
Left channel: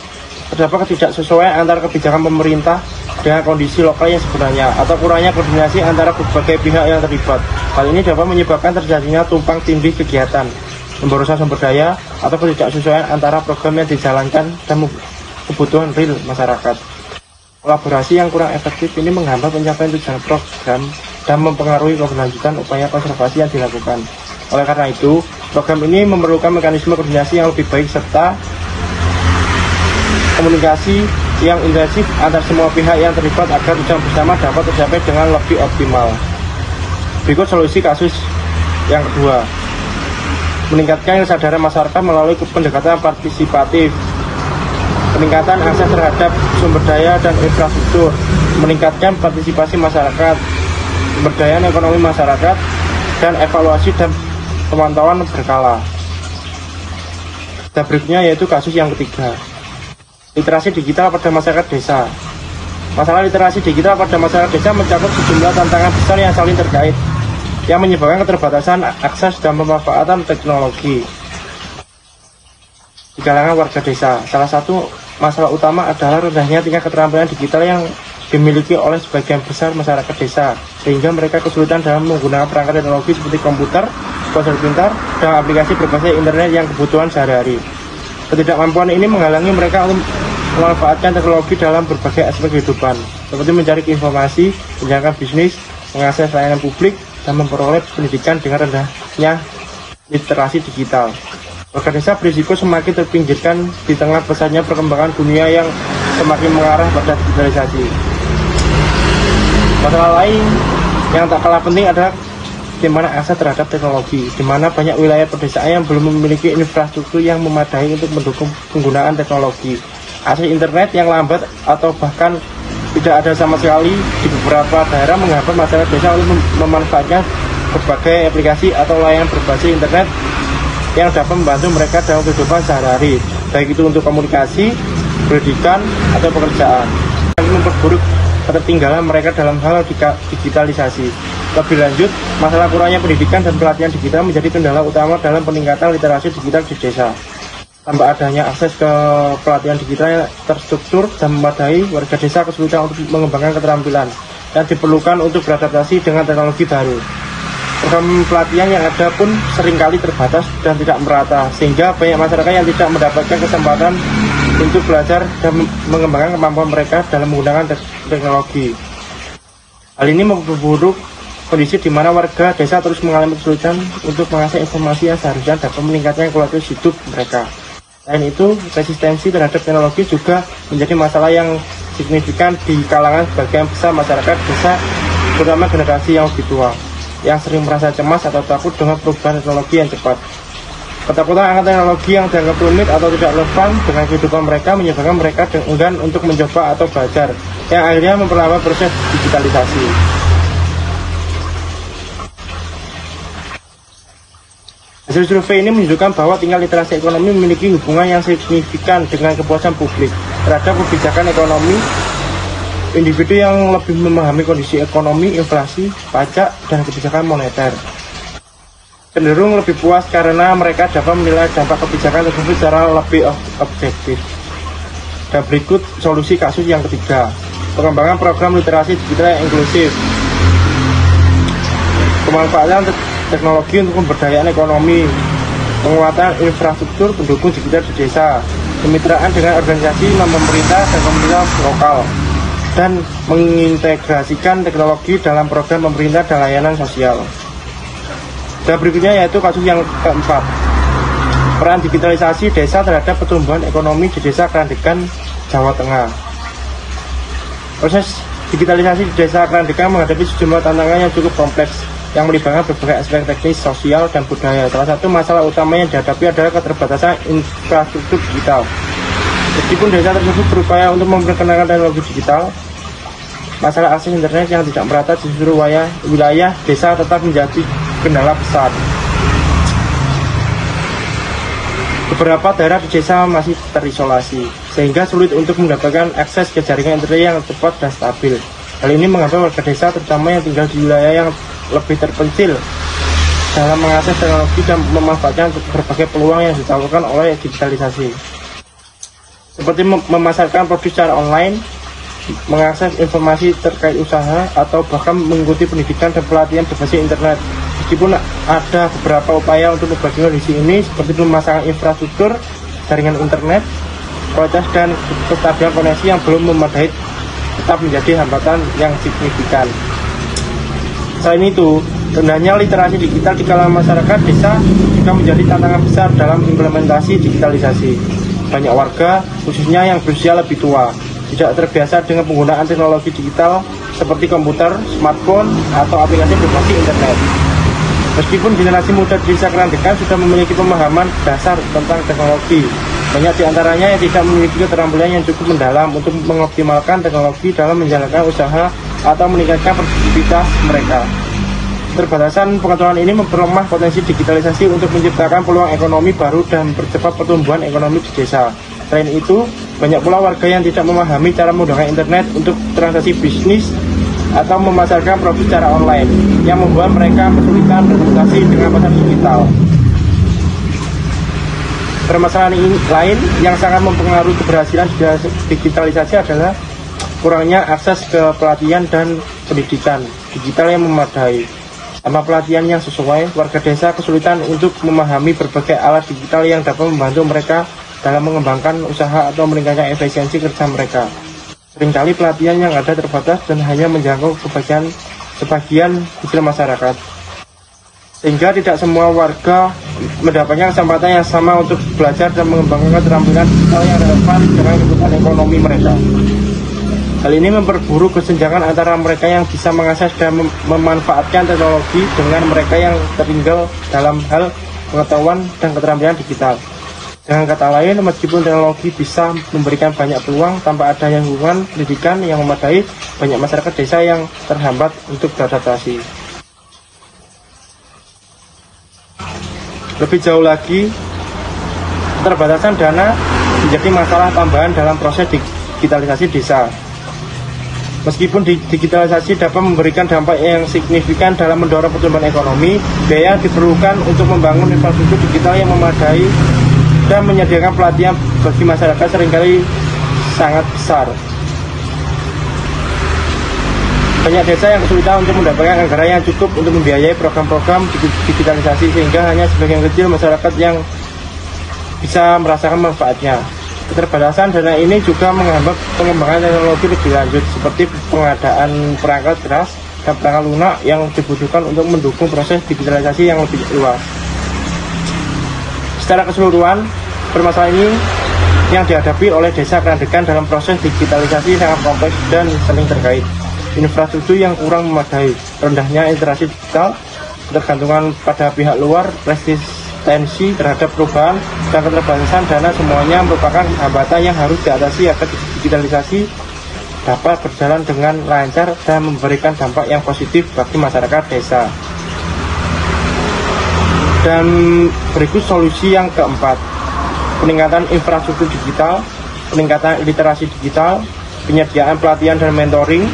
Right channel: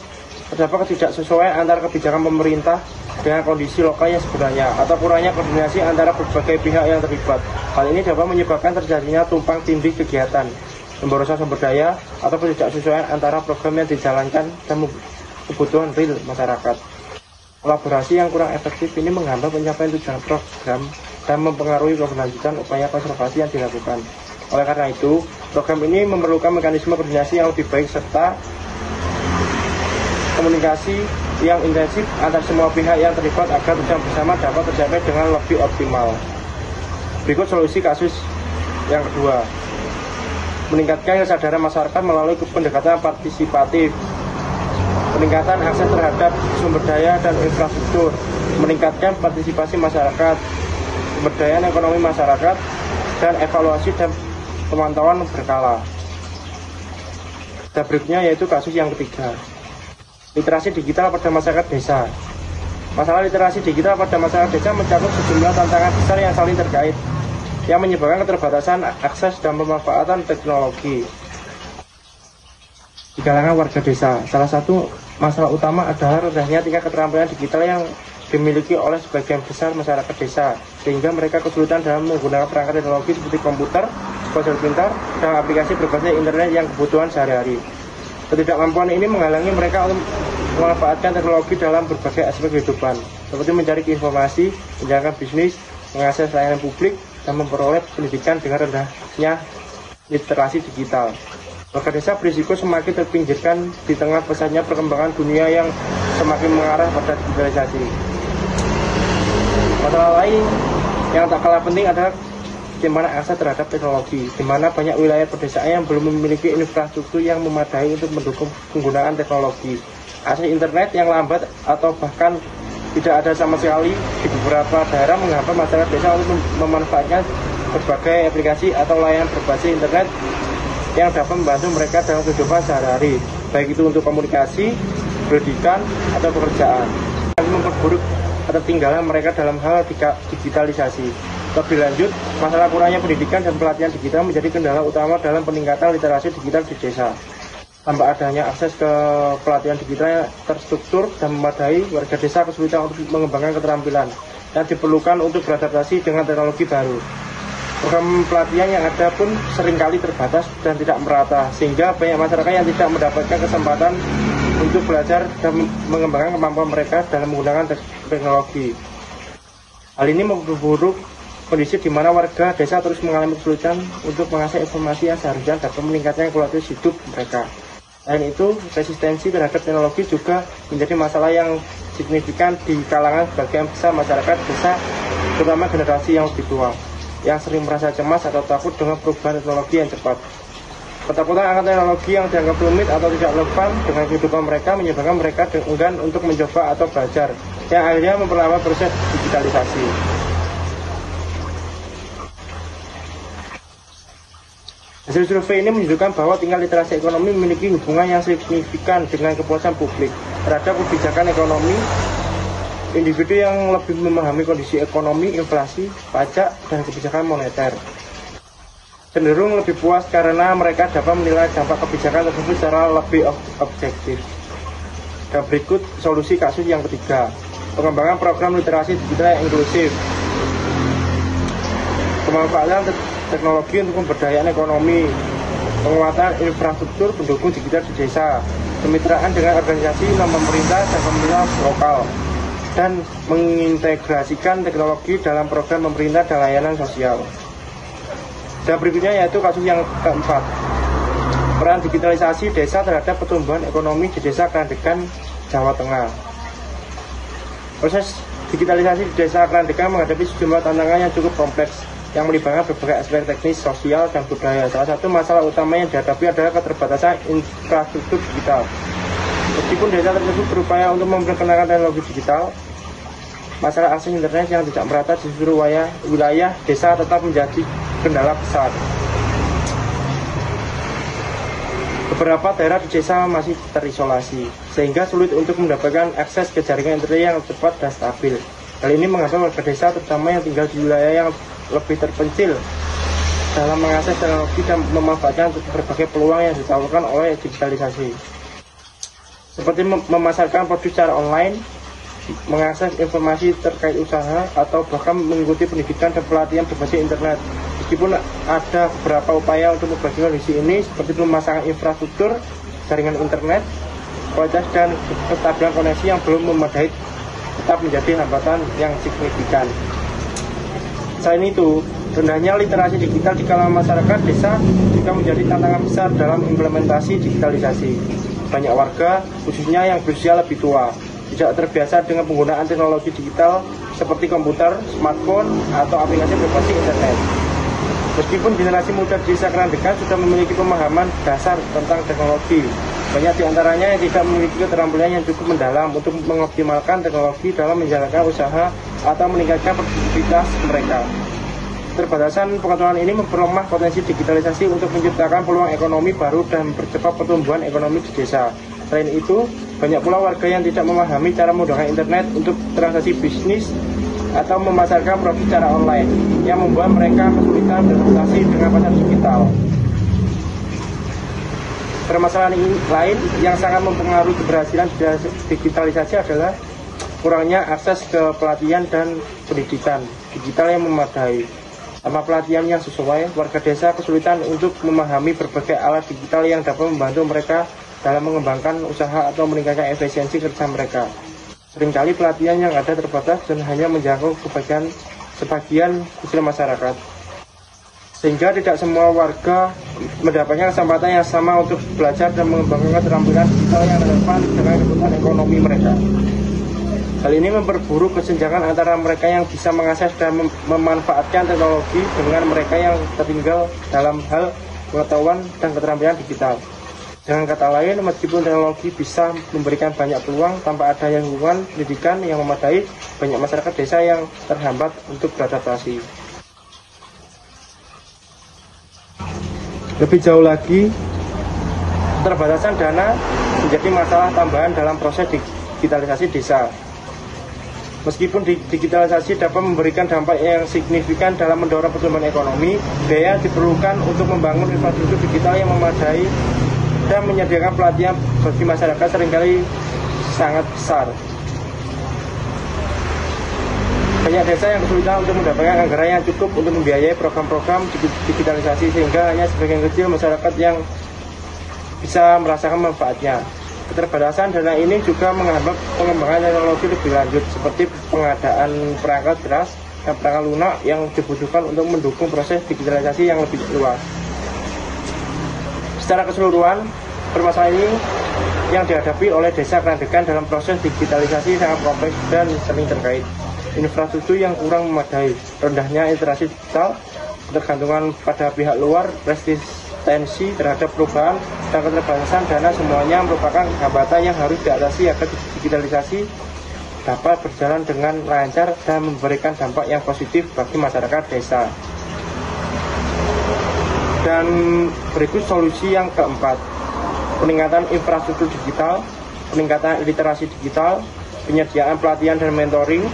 terdapat ketidaksesuaian antara kebijakan pemerintah dengan kondisi lokal yang sebenarnya, atau kurangnya koordinasi antara berbagai pihak yang terlibat. Hal ini dapat menyebabkan terjadinya tumpang tindih kegiatan, pemborosan sumber daya, atau ketidaksesuaian antara program yang dijalankan dan kebutuhan real masyarakat. Kolaborasi yang kurang efektif ini menghambat pencapaian tujuan program dan mempengaruhi keberlanjutan upaya konservasi yang dilakukan. Oleh karena itu, program ini memerlukan mekanisme koordinasi yang lebih baik serta komunikasi yang intensif antar semua pihak yang terlibat agar tujuan bersama dapat tercapai dengan lebih optimal. Berikut solusi kasus yang kedua. Meningkatkan kesadaran masyarakat melalui pendekatan partisipatif. Peningkatan akses terhadap sumber daya dan infrastruktur, meningkatkan partisipasi masyarakat, pemberdayaan ekonomi masyarakat, dan evaluasi dan pemantauan berkala. Dan berikutnya yaitu kasus yang ketiga, literasi digital pada masyarakat desa. Masalah literasi digital pada masyarakat desa mencakup sejumlah tantangan besar yang saling terkait, yang menyebabkan keterbatasan akses dan pemanfaatan teknologi di kalangan warga desa. Salah satu masalah utama adalah rendahnya tingkat keterampilan digital yang dimiliki oleh sebagian besar masyarakat desa, sehingga mereka kesulitan dalam menggunakan perangkat teknologi seperti komputer, ponsel pintar, dan aplikasi berbasis internet yang kebutuhan sehari-hari. Ketidakmampuan ini menghalangi mereka untuk memanfaatkan teknologi dalam berbagai aspek kehidupan, seperti mencari informasi, menjalankan bisnis, mengakses layanan publik, dan memperoleh pendidikan dengan rendahnya literasi digital. Warga desa berisiko semakin terpinggirkan di tengah pesatnya perkembangan dunia yang semakin mengarah pada digitalisasi. Masalah lain yang tak kalah penting adalah bagaimana akses terhadap teknologi, di mana banyak wilayah pedesaan yang belum memiliki infrastruktur yang memadai untuk mendukung penggunaan teknologi. Akses internet yang lambat atau bahkan tidak ada sama sekali di beberapa daerah menghambat masyarakat desa untuk memanfaatkan berbagai aplikasi atau layanan berbasis internet yang dapat membantu mereka dalam kehidupan sehari-hari, baik itu untuk komunikasi, pendidikan, atau pekerjaan. Yang memperburuk ketertinggalan mereka dalam hal digitalisasi. Lebih lanjut, masalah kurangnya pendidikan dan pelatihan digital menjadi kendala utama dalam peningkatan literasi digital di desa. Tanpa adanya akses ke pelatihan digital yang terstruktur dan memadai, warga desa kesulitan untuk mengembangkan keterampilan yang diperlukan untuk beradaptasi dengan teknologi baru. Program pelatihan yang ada pun seringkali terbatas dan tidak merata, sehingga banyak masyarakat yang tidak mendapatkan kesempatan untuk belajar dan mengembangkan kemampuan mereka dalam menggunakan teknologi. Hal ini memperburuk kondisi di mana warga desa terus mengalami kesulitan untuk mengakses informasi yang seharusnya dapat meningkatkan kualitas hidup mereka. Selain itu, resistensi terhadap teknologi juga menjadi masalah yang signifikan di kalangan sebagian besar masyarakat desa, terutama generasi yang lebih tua, yang sering merasa cemas atau takut dengan perubahan teknologi yang cepat. Ketakutan akan teknologi yang dianggap rumit atau tidak relevan dengan kehidupan mereka menyebabkan mereka enggan untuk mencoba atau belajar, yang akhirnya memperlambat proses digitalisasi. Hasil survei ini menunjukkan bahwa tingkat literasi ekonomi memiliki hubungan yang signifikan dengan kepuasan publik terhadap kebijakan ekonomi. Individu yang lebih memahami kondisi ekonomi, inflasi, pajak, dan kebijakan moneter cenderung lebih puas karena mereka dapat menilai dampak kebijakan tersebut secara lebih objektif. Dan berikut solusi kasus yang ketiga, pengembangan program literasi digital yang inklusif. Pemanfaatan teknologi untuk pemberdayaan ekonomi, penguatan infrastruktur pendukung digital di desa, kemitraan dengan organisasi non-pemerintah dan komunitas lokal, dan mengintegrasikan teknologi dalam program pemerintah dan layanan sosial. Dan berikutnya yaitu kasus yang keempat, peran digitalisasi desa terhadap pertumbuhan ekonomi di desa Krandegan, Jawa Tengah. Proses digitalisasi di desa Krandegan menghadapi sejumlah tantangan yang cukup kompleks yang melibatkan berbagai aspek teknis, sosial, dan budaya. Salah satu masalah utama yang dihadapi adalah keterbatasan infrastruktur digital. Meskipun desa tersebut berupaya untuk memperkenalkan teknologi digital, masalah akses internet yang tidak merata di seluruh wilayah desa tetap menjadi kendala besar. Beberapa daerah di desa masih terisolasi, sehingga sulit untuk mendapatkan akses ke jaringan internet yang cepat dan stabil. Hal ini menghambat warga desa, terutama yang tinggal di wilayah yang lebih terpencil, dalam mengakses teknologi dan memanfaatkan berbagai peluang yang ditawarkan oleh digitalisasi, seperti memasarkan produk secara online, mengakses informasi terkait usaha, atau bahkan mengikuti pendidikan dan pelatihan berbasis internet. Meskipun ada beberapa upaya untuk membagi kondisi ini, seperti pemasangan infrastruktur, jaringan internet, kualitas dan kestabilan koneksi yang belum memadai tetap menjadi hambatan yang signifikan. Selain itu, rendahnya literasi digital di kalangan masyarakat desa juga menjadi tantangan besar dalam implementasi digitalisasi. Banyak warga, khususnya yang berusia lebih tua, tidak terbiasa dengan penggunaan teknologi digital seperti komputer, smartphone, atau aplikasi berbasis internet. Meskipun generasi muda di desa Krandegan sudah memiliki pemahaman dasar tentang teknologi, banyak di antaranya yang tidak memiliki keterampilan yang cukup mendalam untuk mengoptimalkan teknologi dalam menjalankan usaha atau meningkatkan produktivitas mereka. Keterbatasan pengetahuan ini memperlemah potensi digitalisasi untuk menciptakan peluang ekonomi baru dan mempercepat pertumbuhan ekonomi di desa. Selain itu, banyak pula warga yang tidak memahami cara menggunakan internet untuk transaksi bisnis atau memasarkan produk secara online, yang membuat mereka kesulitan beradaptasi dengan pasar digital. Permasalahan lain yang sangat mempengaruhi keberhasilan digitalisasi adalah kurangnya akses ke pelatihan dan pendidikan digital yang memadai. Tanpa pelatihan yang sesuai, warga desa kesulitan untuk memahami berbagai alat digital yang dapat membantu mereka dalam mengembangkan usaha atau meningkatkan efisiensi kerja mereka. Seringkali pelatihan yang ada terbatas dan hanya menjangkau sebagian kecil masyarakat, sehingga tidak semua warga mendapatkan kesempatan yang sama untuk belajar dan mengembangkan keterampilan digital yang relevan dengan kebutuhan ekonomi mereka. Hal ini memperburuk kesenjangan antara mereka yang bisa mengakses dan memanfaatkan teknologi dengan mereka yang tertinggal dalam hal pengetahuan dan keterampilan digital. Dengan kata lain, meskipun teknologi bisa memberikan banyak peluang, tanpa adanya lingkungan pendidikan yang memadai, banyak masyarakat desa yang terhambat untuk beradaptasi. Lebih jauh lagi, keterbatasan dana menjadi masalah tambahan dalam proses digitalisasi desa. Meskipun digitalisasi dapat memberikan dampak yang signifikan dalam mendorong pertumbuhan ekonomi, biaya yang diperlukan untuk membangun infrastruktur digital yang memadai dan menyediakan pelatihan bagi masyarakat seringkali sangat besar. Banyak desa yang kesulitan untuk mendapatkan anggaran yang cukup untuk membiayai program-program digitalisasi, sehingga hanya sebagian kecil masyarakat yang bisa merasakan manfaatnya. Keterbatasan dana ini juga menghambat pengembangan teknologi lebih lanjut, seperti pengadaan perangkat keras dan perangkat lunak yang dibutuhkan untuk mendukung proses digitalisasi yang lebih luas. Secara keseluruhan, permasalahan ini yang dihadapi oleh desa Krandegan dalam proses digitalisasi sangat kompleks dan saling terkait. Infrastruktur yang kurang memadai, rendahnya literasi digital, ketergantungan pada pihak luar, resistensi terhadap perubahan, dan keterbatasan dana semuanya merupakan hambatan yang harus diatasi agar digitalisasi dapat berjalan dengan lancar dan memberikan dampak yang positif bagi masyarakat desa. Dan berikut solusi yang keempat: peningkatan infrastruktur digital, peningkatan literasi digital, penyediaan pelatihan dan mentoring,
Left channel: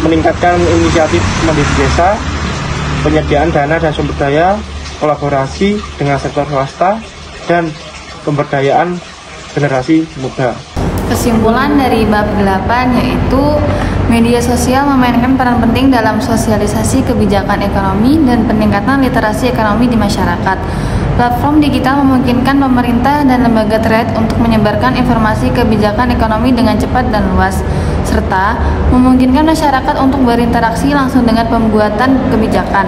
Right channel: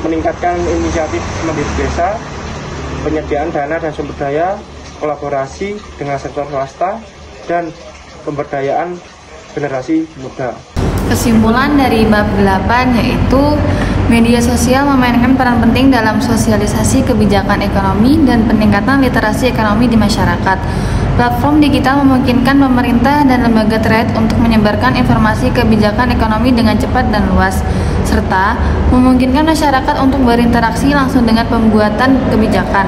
meningkatkan inisiatif mandiri desa, penyediaan dana dan sumber daya, kolaborasi dengan sektor swasta, dan pemberdayaan generasi muda. Kesimpulan dari bab 8 yaitu media sosial memainkan peran penting dalam sosialisasi kebijakan ekonomi dan peningkatan literasi ekonomi di masyarakat. Platform digital memungkinkan pemerintah dan lembaga terkait untuk menyebarkan informasi kebijakan ekonomi dengan cepat dan luas, serta memungkinkan masyarakat untuk berinteraksi langsung dengan pembuatan kebijakan,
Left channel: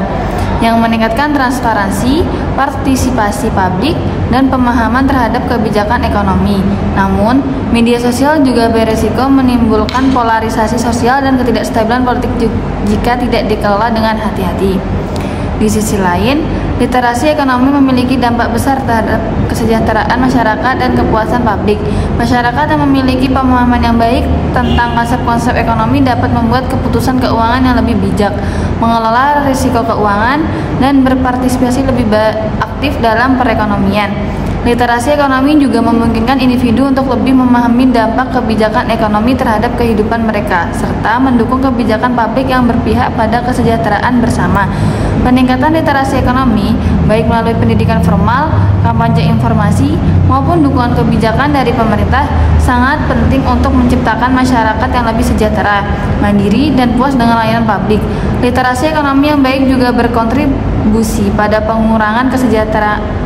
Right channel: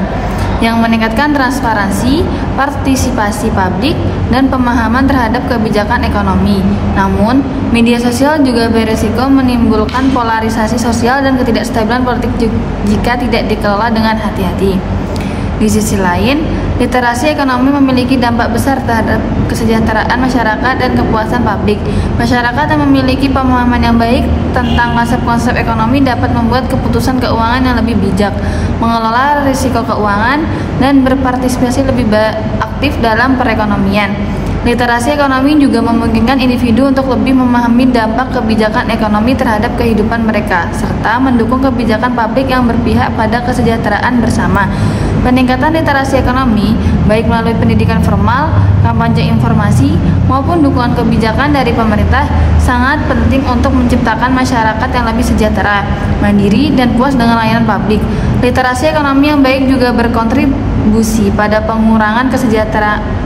yang meningkatkan transparansi, partisipasi publik, dan pemahaman terhadap kebijakan ekonomi. Namun, media sosial juga beresiko menimbulkan polarisasi sosial dan ketidakstabilan politik jika tidak dikelola dengan hati-hati. Di sisi lain, literasi ekonomi memiliki dampak besar terhadap kesejahteraan masyarakat dan kepuasan publik. Masyarakat yang memiliki pemahaman yang baik tentang konsep-konsep ekonomi dapat membuat keputusan keuangan yang lebih bijak, mengelola risiko keuangan, dan berpartisipasi lebih aktif dalam perekonomian. Literasi ekonomi juga memungkinkan individu untuk lebih memahami dampak kebijakan ekonomi terhadap kehidupan mereka, serta mendukung kebijakan publik yang berpihak pada kesejahteraan bersama. Peningkatan literasi ekonomi, baik melalui pendidikan formal, kampanye informasi, maupun dukungan kebijakan dari pemerintah, sangat penting untuk menciptakan masyarakat yang lebih sejahtera, mandiri, dan puas dengan layanan publik. Literasi ekonomi yang baik juga berkontribusi pada pengurangan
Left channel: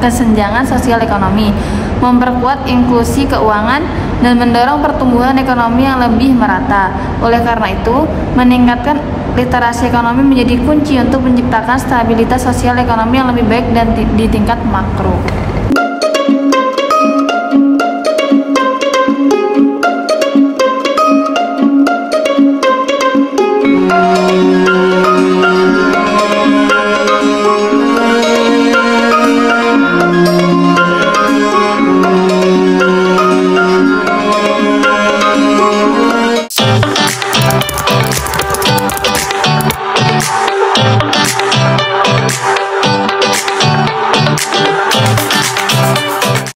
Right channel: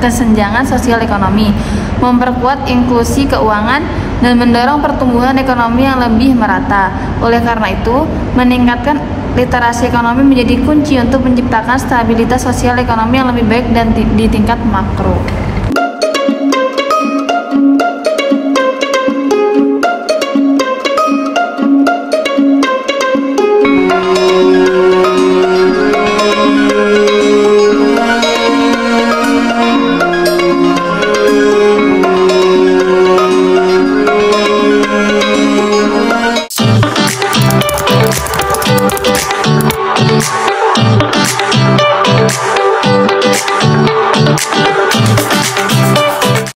kesenjangan sosial ekonomi, memperkuat inklusi keuangan, dan mendorong pertumbuhan ekonomi yang lebih merata. Oleh karena itu, meningkatkan literasi ekonomi menjadi kunci untuk menciptakan stabilitas sosial ekonomi yang lebih baik dan di tingkat makro.